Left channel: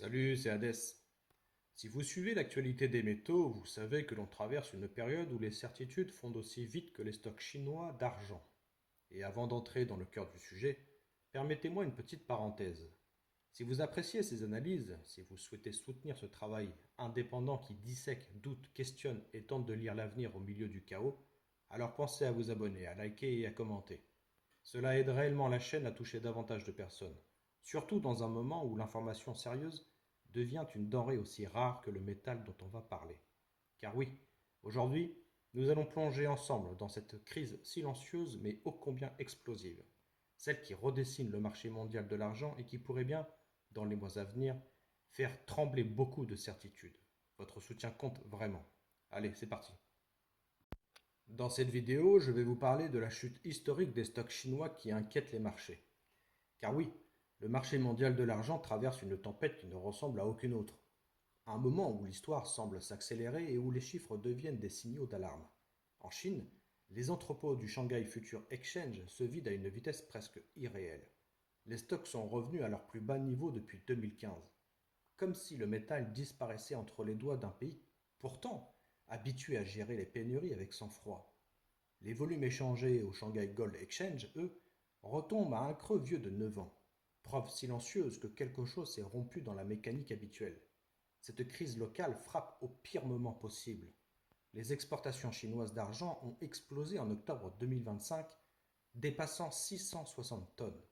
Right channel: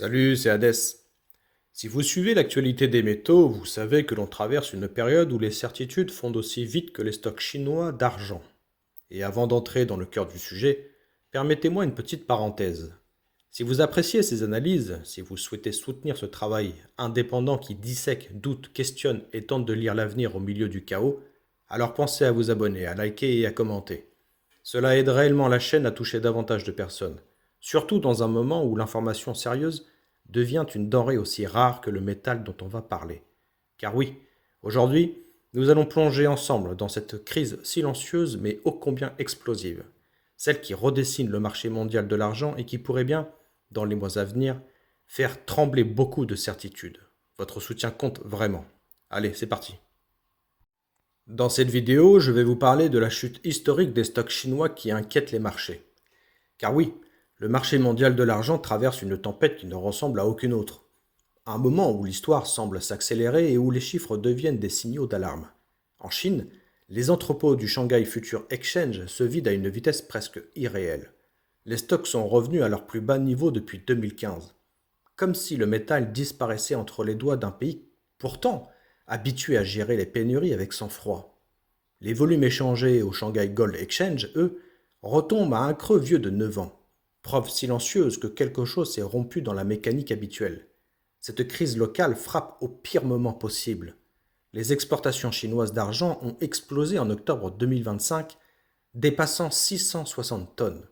Salut, c'est Hadès. Si vous suivez l'actualité des métaux, vous savez que l'on traverse une période où les certitudes fondent aussi vite que les stocks chinois d'argent. Et avant d'entrer dans le cœur du sujet, permettez-moi une petite parenthèse. Si vous appréciez ces analyses, si vous souhaitez soutenir ce travail indépendant qui dissèque, doute, questionne et tente de lire l'avenir au milieu du chaos, alors pensez à vous abonner, à liker et à commenter. Cela aide réellement la chaîne à toucher davantage de personnes, surtout dans un moment où l'information sérieuse devient une denrée aussi rare que le métal dont on va parler. Car oui, aujourd'hui, nous allons plonger ensemble dans cette crise silencieuse mais ô combien explosive, celle qui redessine le marché mondial de l'argent et qui pourrait bien, dans les mois à venir, faire trembler beaucoup de certitudes. Votre soutien compte vraiment. Allez, c'est parti. Dans cette vidéo, je vais vous parler de la chute historique des stocks chinois qui inquiète les marchés. Car oui, le marché mondial de l'argent traverse une tempête qui ne ressemble à aucune autre. Un moment où l'histoire semble s'accélérer et où les chiffres deviennent des signaux d'alarme. En Chine, les entrepôts du Shanghai Future Exchange se vident à une vitesse presque irréelle. Les stocks sont revenus à leur plus bas niveau depuis 2015, comme si le métal disparaissait entre les doigts d'un pays pourtant habitué à gérer les pénuries avec sang-froid. Les volumes échangés au Shanghai Gold Exchange, eux, retombent à un creux vieux de 9 ans, preuve silencieuse que quelque chose s'est rompu dans la mécanique habituelle. Cette crise locale frappe au pire moment possible. Les exportations chinoises d'argent ont explosé en octobre 2025, dépassant 660 tonnes,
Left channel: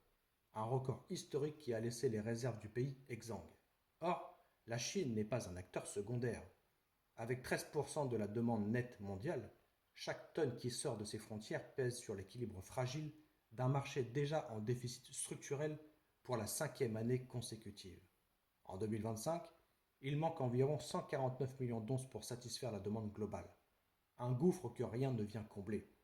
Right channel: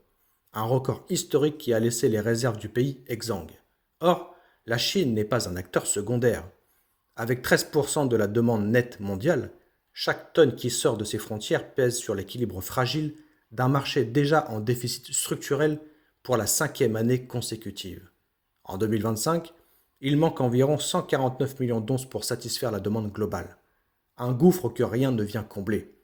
un record historique qui a laissé les réserves du pays exsangues. Or, la Chine n'est pas un acteur secondaire. Avec 13% de la demande nette mondiale, chaque tonne qui sort de ses frontières pèse sur l'équilibre fragile d'un marché déjà en déficit structurel pour la cinquième année consécutive. En 2025, il manque environ 149 millions d'onces pour satisfaire la demande globale. Un gouffre que rien ne vient combler.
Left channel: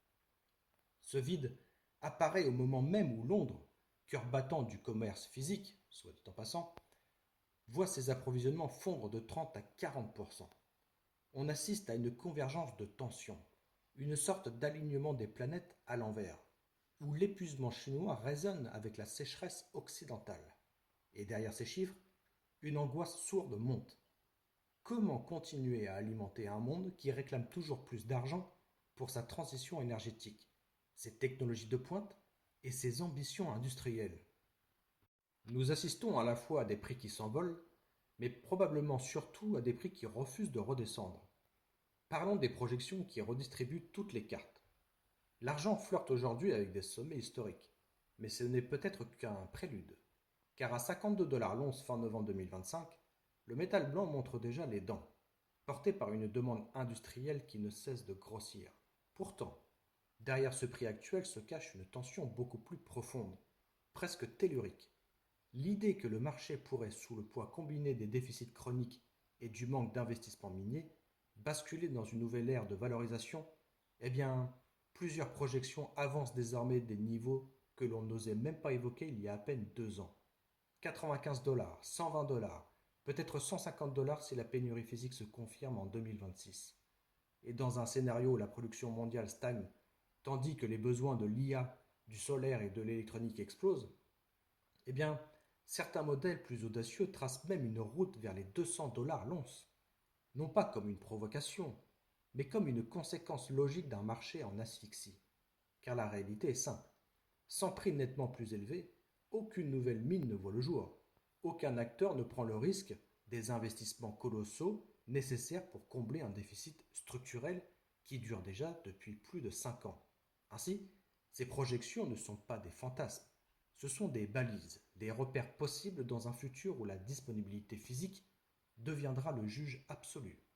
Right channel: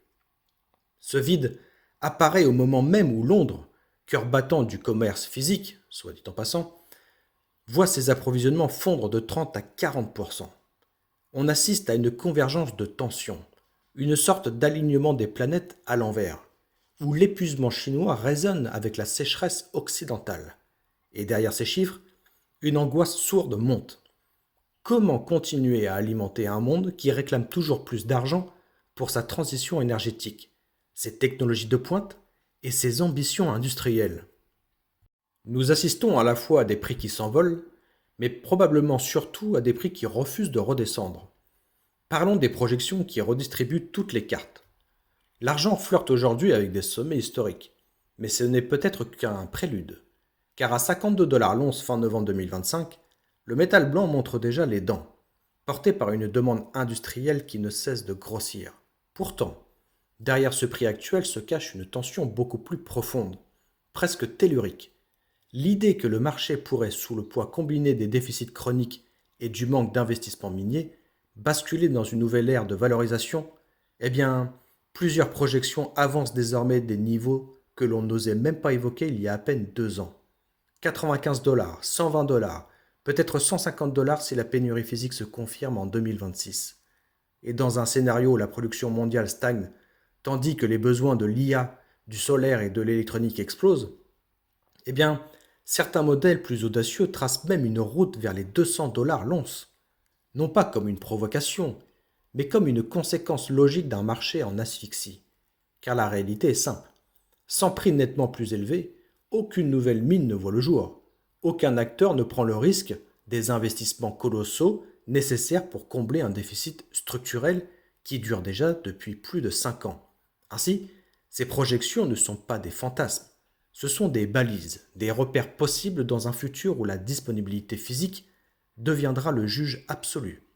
Ce vide apparaît au moment même où Londres, cœur battant du commerce physique, soit dit en passant, voit ses approvisionnements fondre de 30 à 40%. On assiste à une convergence de tensions, une sorte d'alignement des planètes à l'envers, où l'épuisement chinois résonne avec la sécheresse occidentale. Et derrière ces chiffres, une angoisse sourde monte. Comment continuer à alimenter un monde qui réclame toujours plus d'argent pour sa transition énergétique, ses technologies de pointe et ses ambitions industrielles? Nous assistons à la fois à des prix qui s'envolent, mais probablement surtout à des prix qui refusent de redescendre. Parlons des projections qui redistribuent toutes les cartes. L'argent flirte aujourd'hui avec des sommets historiques, mais ce n'est peut-être qu'un prélude. Car à 52 dollars l'once fin novembre 2025, le métal blanc montre déjà les dents, porté par une demande industrielle qui ne cesse de grossir. Pourtant, derrière ce prix actuel se cache une tension beaucoup plus profonde, presque tellurique. L'idée que le marché pourrait, sous le poids combiné des déficits chroniques et du manque d'investissement minier, basculer dans une nouvelle ère de valorisation, eh bien, plusieurs projections avancent désormais des niveaux que l'on n'osait même pas évoquer il y a à peine 2 ans. 95 dollars, 120 dollars, peut-être 150 dollars si la pénurie physique se confirme en 2026. Et dans un scénario où la production mondiale stagne, tandis que les besoins de l'IA, du solaire et de l'électronique explosent, eh bien, certains modèles plus audacieux tracent même une route vers les 200 dollars l'once. Non pas comme une provocation, mais comme une conséquence logique d'un marché en asphyxie. Car la réalité est simple. Sans prix nettement plus élevé, aucune nouvelle mine ne voit le jour. Aucun acteur ne prend le risque des investissements colossaux nécessaires pour combler un déficit structurel qui dure déjà depuis plus de 5 ans. Ainsi, ces projections ne sont pas des fantasmes. Ce sont des balises, des repères possibles dans un futur où la disponibilité physique deviendra le juge absolu.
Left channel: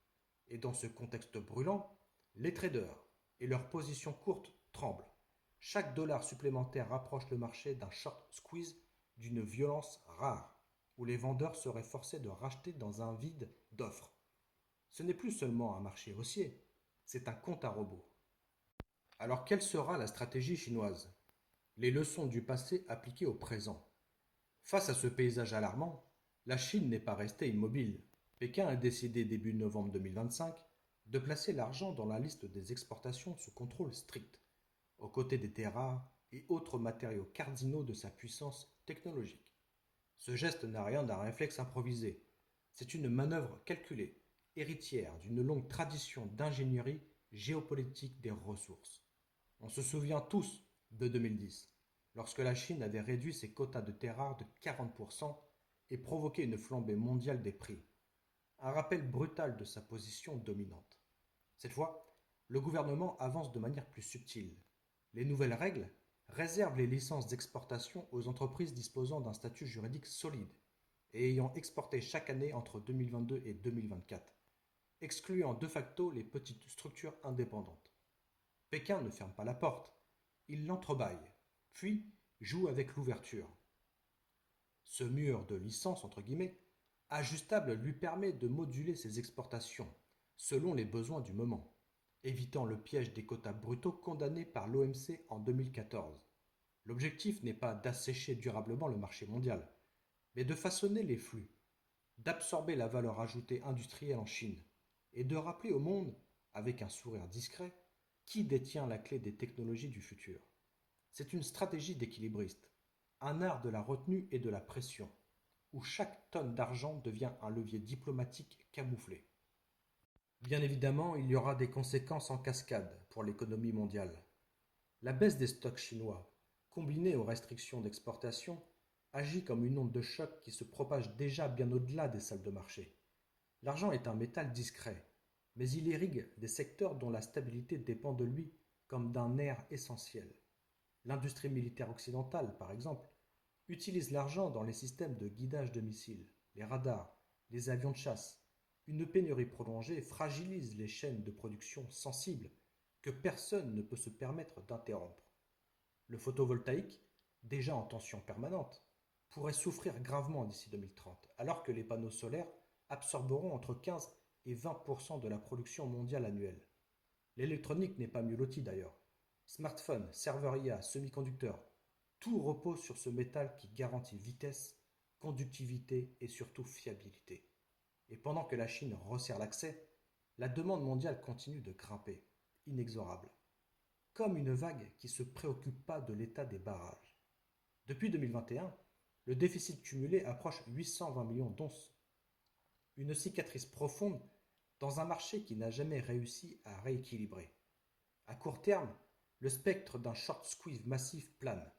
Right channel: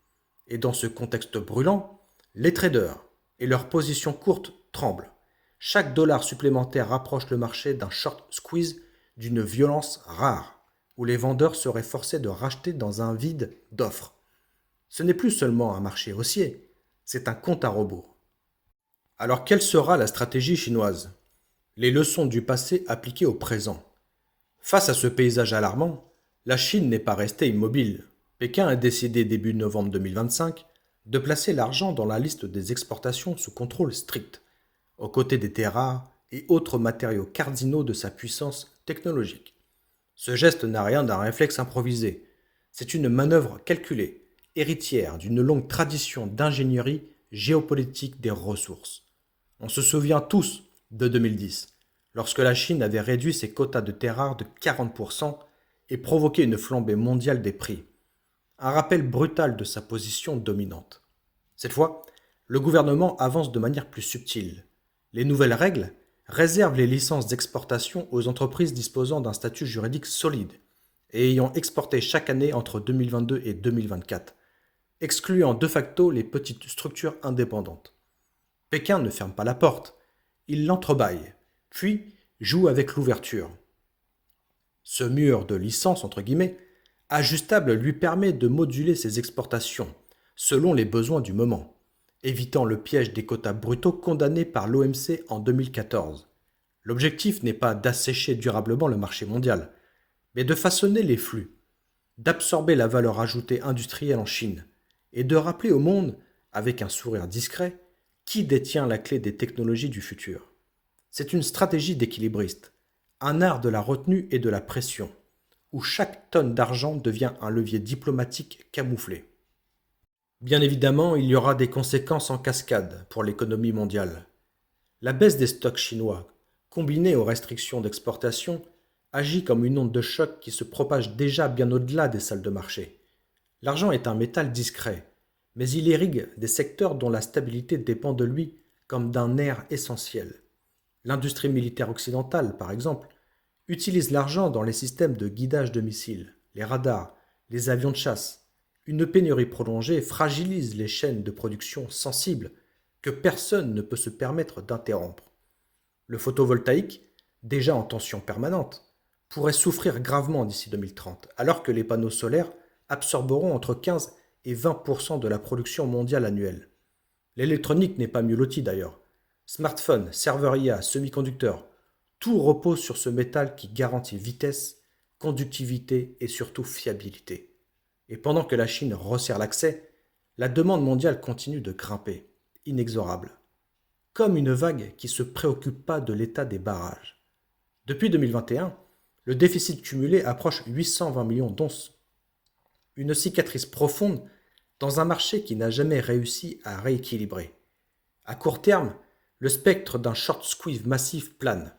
Et dans ce contexte brûlant, les traders et leurs positions courtes tremblent. Chaque dollar supplémentaire rapproche le marché d'un short squeeze d'une violence rare, où les vendeurs seraient forcés de racheter dans un vide d'offres. Ce n'est plus seulement un marché haussier, c'est un compte à rebours. Alors quelle sera la stratégie chinoise? Les leçons du passé appliquées au présent. Face à ce paysage alarmant, la Chine n'est pas restée immobile. Pékin a décidé début novembre 2025 de placer l'argent dans la liste des exportations sous contrôle strict, aux côtés des terres rares et autres matériaux cardinaux de sa puissance technologique. Ce geste n'a rien d'un réflexe improvisé. C'est une manœuvre calculée, héritière d'une longue tradition d'ingénierie géopolitique des ressources. On se souvient tous de 2010, lorsque la Chine avait réduit ses quotas de terres rares de 40% et provoqué une flambée mondiale des prix. Un rappel brutal de sa position dominante. Cette fois, le gouvernement avance de manière plus subtile. Les nouvelles règles réservent les licences d'exportation aux entreprises disposant d'un statut juridique solide et ayant exporté chaque année entre 2022 et 2024, excluant de facto les petites structures indépendantes. Pékin ne ferme pas la porte, il l'entrebâille, puis joue avec l'ouverture. Ce mur de licence, entre guillemets, ajustable lui permet de moduler ses exportations selon les besoins du moment, évitant le piège des quotas brutaux condamnés par l'OMC en 2014. L'objectif n'est pas d'assécher durablement le marché mondial, mais de façonner les flux, d'absorber la valeur ajoutée industrielle en Chine et de rappeler au monde, avec un sourire discret, qui détient la clé des technologies du futur. C'est une stratégie d'équilibriste, un art de la retenue et de la pression, où chaque tonne d'argent devient un levier diplomatique camouflé. Bien évidemment, il y aura des conséquences en cascade pour l'économie mondiale. La baisse des stocks chinois, combinée aux restrictions d'exportation, agit comme une onde de choc qui se propage déjà bien au-delà des salles de marché. L'argent est un métal discret, mais il irrigue des secteurs dont la stabilité dépend de lui comme d'un nerf essentiel. L'industrie militaire occidentale, par exemple, utilise l'argent dans les systèmes de guidage de missiles, les radars, les avions de chasse. Une pénurie prolongée fragilise les chaînes de production sensibles que personne ne peut se permettre d'interrompre. Le photovoltaïque, déjà en tension permanente, pourrait souffrir gravement d'ici 2030, alors que les panneaux solaires absorberont entre 15 et 20% de la production mondiale annuelle. L'électronique n'est pas mieux lotie d'ailleurs. Smartphones, serveurs IA, semi-conducteurs, tout repose sur ce métal qui garantit vitesse, conductivité et surtout fiabilité. Et pendant que la Chine resserre l'accès, la demande mondiale continue de grimper, inexorable, comme une vague qui ne se préoccupe pas de l'état des barrages. Depuis 2021, le déficit cumulé approche 820 millions d'onces, une cicatrice profonde dans un marché qui n'a jamais réussi à rééquilibrer. À court terme, le spectre d'un short squeeze massif plane.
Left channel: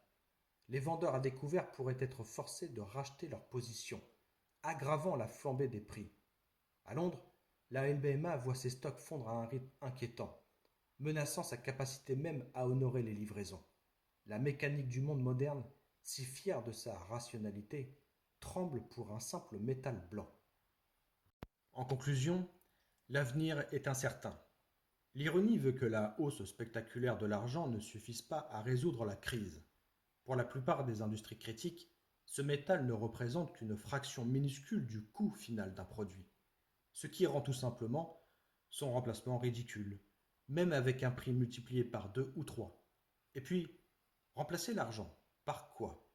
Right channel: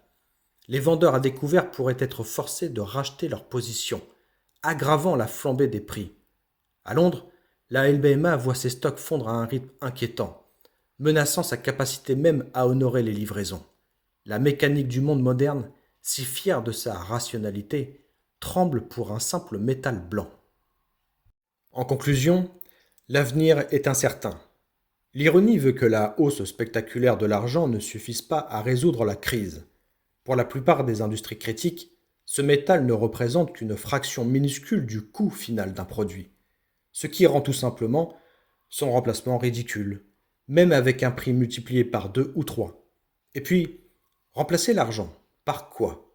Les vendeurs à découvert pourraient être forcés de racheter leurs positions, aggravant la flambée des prix. À Londres, la LBMA voit ses stocks fondre à un rythme inquiétant, menaçant sa capacité même à honorer les livraisons. La mécanique du monde moderne, si fière de sa rationalité, tremble pour un simple métal blanc. En conclusion, l'avenir est incertain. L'ironie veut que la hausse spectaculaire de l'argent ne suffise pas à résoudre la crise. Pour la plupart des industries critiques, ce métal ne représente qu'une fraction minuscule du coût final d'un produit, ce qui rend tout simplement son remplacement ridicule, même avec un prix multiplié par 2 ou 3. Et puis, remplacer l'argent, par quoi?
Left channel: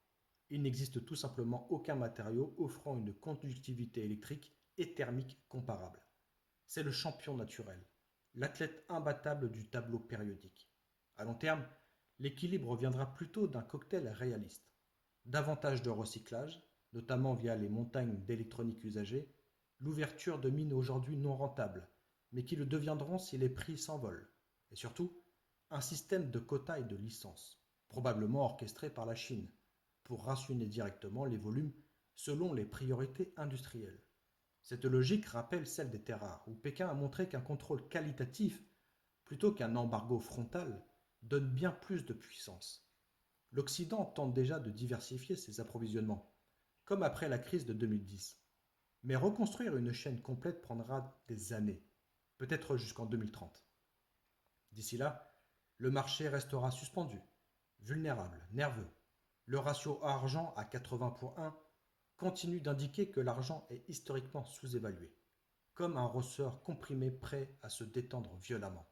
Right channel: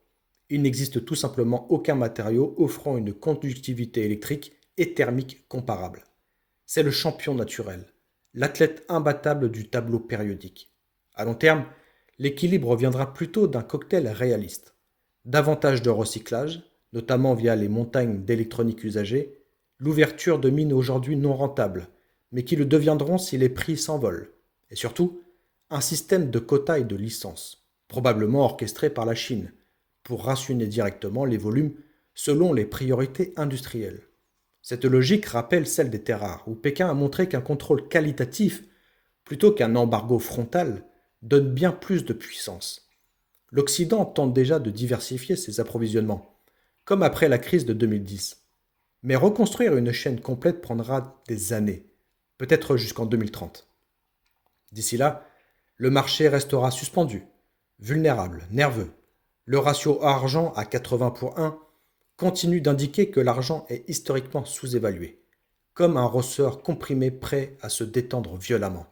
Il n'existe tout simplement aucun matériau offrant une conductivité électrique et thermique comparable. C'est le champion naturel, l'athlète imbattable du tableau périodique. À long terme, l'équilibre viendra plutôt d'un cocktail réaliste. Davantage de recyclage, notamment via les montagnes d'électronique usagée, l'ouverture de mines aujourd'hui non rentables, mais qui le deviendront si les prix s'envolent, et surtout, un système de quotas et de licences, probablement orchestré par la Chine, pour rationner directement les volumes selon les priorités industrielles. Cette logique rappelle celle des terres rares, où Pékin a montré qu'un contrôle qualitatif, plutôt qu'un embargo frontal, donne bien plus de puissance. L'Occident tente déjà de diversifier ses approvisionnements, comme après la crise de 2010. Mais reconstruire une chaîne complète prendra des années, peut-être jusqu'en 2030. D'ici là, le marché restera suspendu, vulnérable, nerveux. Le ratio argent à 80 pour 1 continue d'indiquer que l'argent est historiquement sous-évalué, comme un ressort comprimé prêt à se détendre violemment.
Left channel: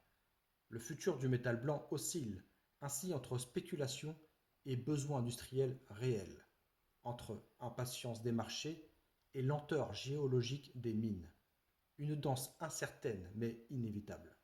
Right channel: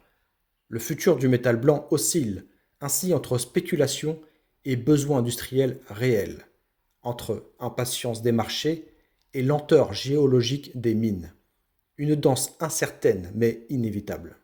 Le futur du métal blanc oscille ainsi entre spéculation et besoin industriel réel, entre impatience des marchés et lenteur géologique des mines. Une danse incertaine mais inévitable.